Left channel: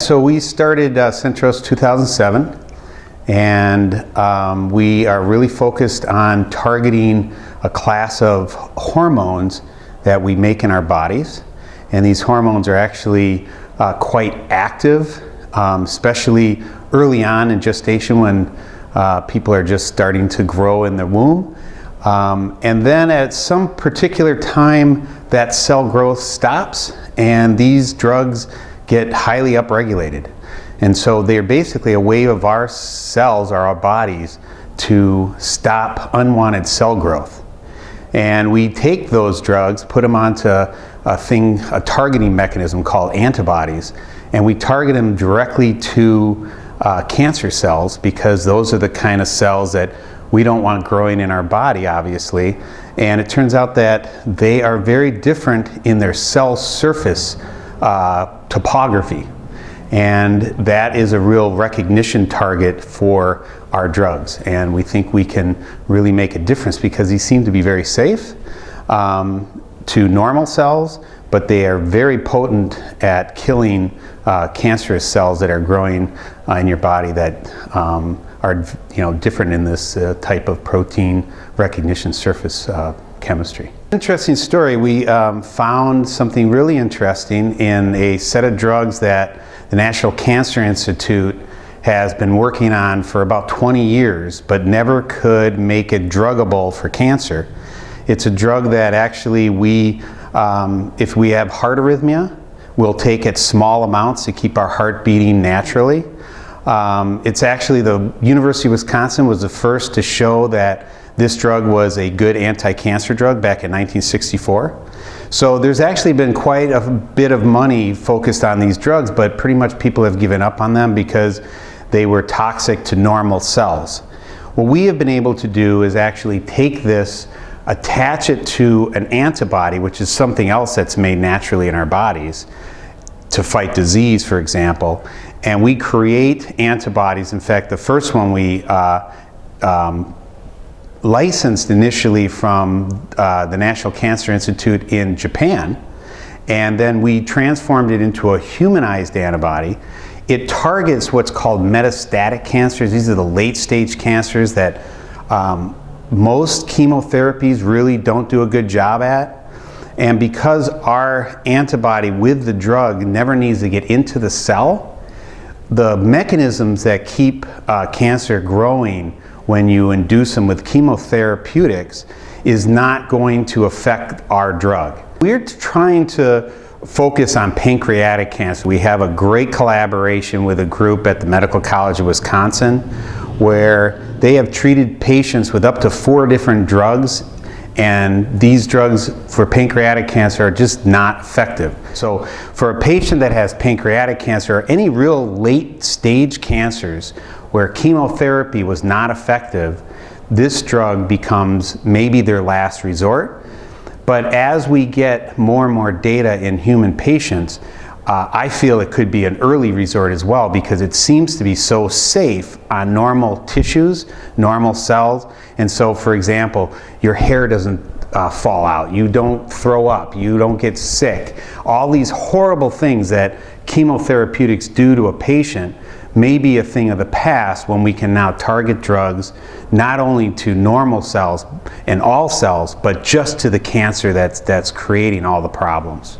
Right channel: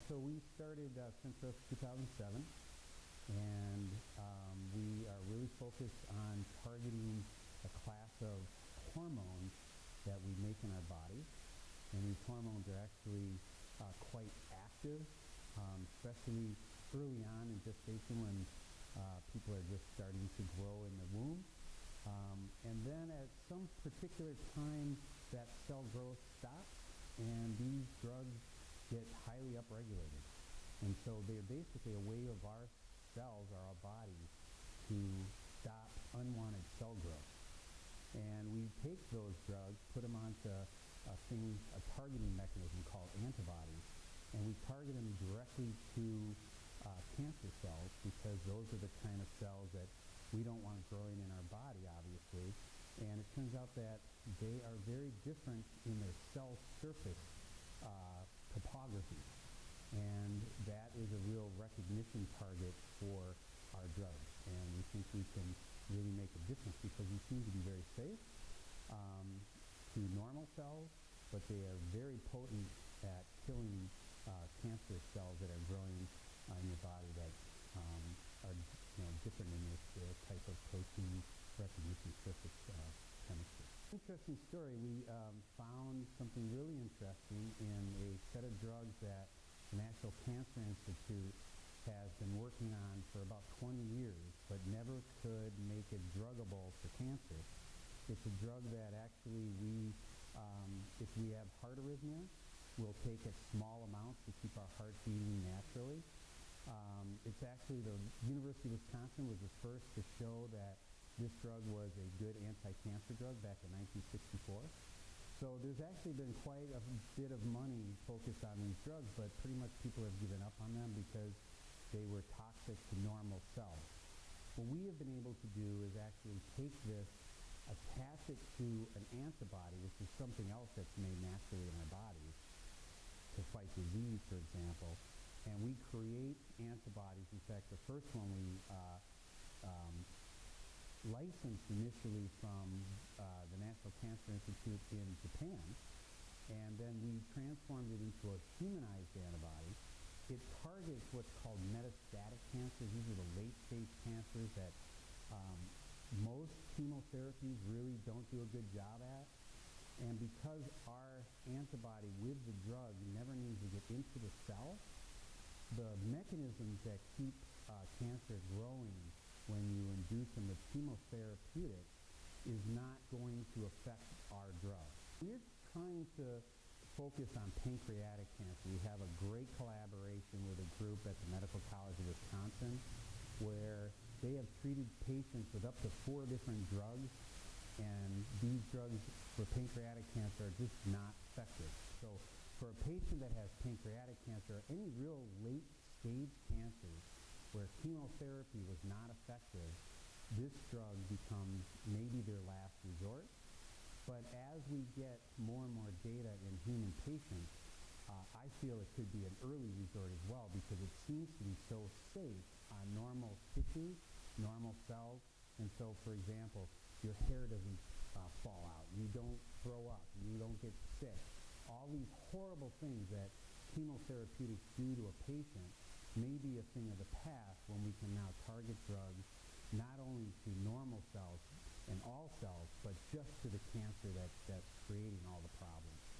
So we started Centrose 2007, and we are really focused on targeting a class of hormones that we make in our bodies. And these hormones are actually quite active, especially early on in gestation when people are just starting to grow in the womb. And then at some particular time, that cell growth stops and these drugs get highly upregulated. And so they're basically a way of our cells, or our bodies, to stop unwanted cell growth. And we take those drugs, put them onto a targeting mechanism called antibodies, and we target them directly to cancer cells, because those are the kind of cells that we don't want growing in our body, obviously. And it turns out that they are very different in their cell surface topography. And that is a real recognition target for our drugs. And we think we can really make a difference because these seem to be very safe to normal cells, but they are very potent at killing cancerous cells that are growing in your body that are different in this type of protein recognition surface chemistry. Interesting story. We found something really interesting in a set of drugs that the National Cancer Institute has been working on for about 20 years, but never could make it druggable for cancer. It's a drug that actually if we have heart arrhythmia, we'll take it small amounts to keep our heart beating naturally. It's actually the University of Wisconsin was the first to show that this drug was a good anti-cancer drug back in 1964. So there's actually been quite a bit of money focused on these drugs, but pretty much people have given up on them because they were toxic to normal cells. What we have been able to do is actually take this, attach it to an antibody, which is something else that's made naturally in our bodies to fight disease, for example, and we create antibodies. In fact, the first one we licensed initially from the National Cancer Institute in Japan, and then we transformed it into a humanized antibody. It targets what's called metastatic cancers. These are the late stage cancers that most chemotherapies really don't do a good job at. And because our antibody with the drug never needs to get into the cell, the mechanisms that keep cancer growing when you induce them with chemotherapeutics is not going to affect our drug. We're trying to focus on pancreatic cancer. We have a great collaboration with a group at the Medical College of Wisconsin where they have treated patients with up to 4 different drugs, and these drugs for pancreatic cancer are just not effective. So for a patient that has pancreatic cancer or any real late stage cancers where chemotherapy was not effective, this drug becomes maybe their last resort. But as we get more and more data in human patients, I feel it could be an early resort as well, because it seems to be so safe on normal tissues, normal cells. And so, for example, your hair doesn't fall out, you don't throw up, you don't get sick. All these horrible things that chemotherapeutics do to a patient may be a thing of the past when we can now target drugs not only to normal cells and all cells, but just to the cancer that's creating all the problems.